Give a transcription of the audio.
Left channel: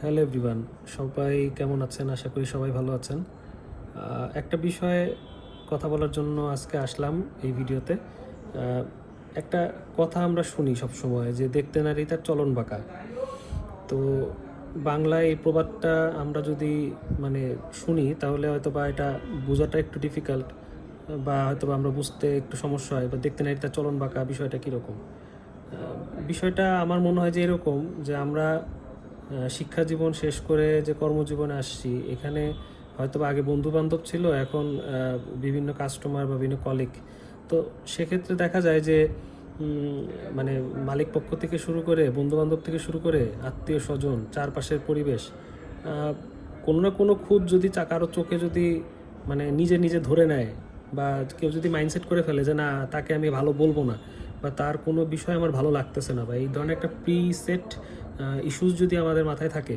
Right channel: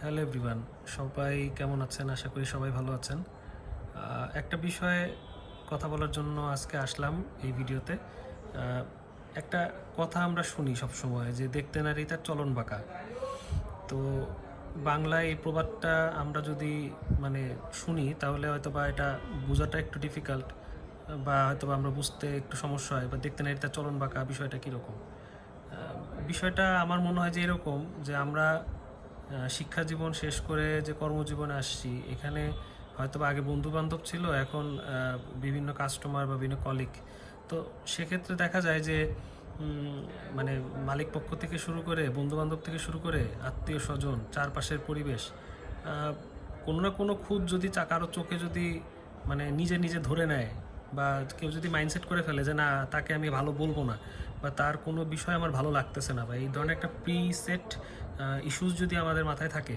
Hello everyone, সবাই কেমন আছেন? আশা করি সবাই ভালো আছেন। একটা বিষয়ে কথা বলার জন্য আজকে আসলাম এই ভিডিওতে। একটা কথা আমরা শুনি সবসময় যে দেখতে নারী তার চলন বাঁকা। তো বাংলায় এই প্রবাদটা আমরা যদি মানে শুনি তাহলে হয়তোবা এটা বোঝাটা একটু ডিফিকাল্ট, বা হয়তোবা আমরা বুঝতে একটু সমস্যা হয়, বা দেখতে নারী তার চলন বাঁকা বিষয়টা কীরকম। বিষয়টা আমার মনে হয় যে এরকম, যে আমরা শিক্ষা জীবন শেষ করে যে কর্মজীবনে আসছি, এখানে হয়তো আগে বন্ধু বান্ধব ছিল, এখন বিভিন্ন কাস্টমার বা বিভিন্ন কলিগ। তো সেক্ষেত্রে দেখা যায় যে মানে মালিক পক্ষ থেকে শুরু করে, বন্ধু বান্ধব থেকে শুরু করে, আত্মীয় স্বজন, চারপাশের পরিবেশ, কোনো না কোনো খুঁত যদি কারো চোখে যদি মানে নিজে নিজে ধরে নেয়, বা কেউ যদি মাইন্ডসেট করে ফেলে যে না, তাকে আমি ভালো বলবো না, বা তার কোনো বিষয় আমার ভালো লাগতেছে না, বা এই ধরনের একটা প্রি সেট ইস্যুস যদি আমাদের মাথায় থাকে,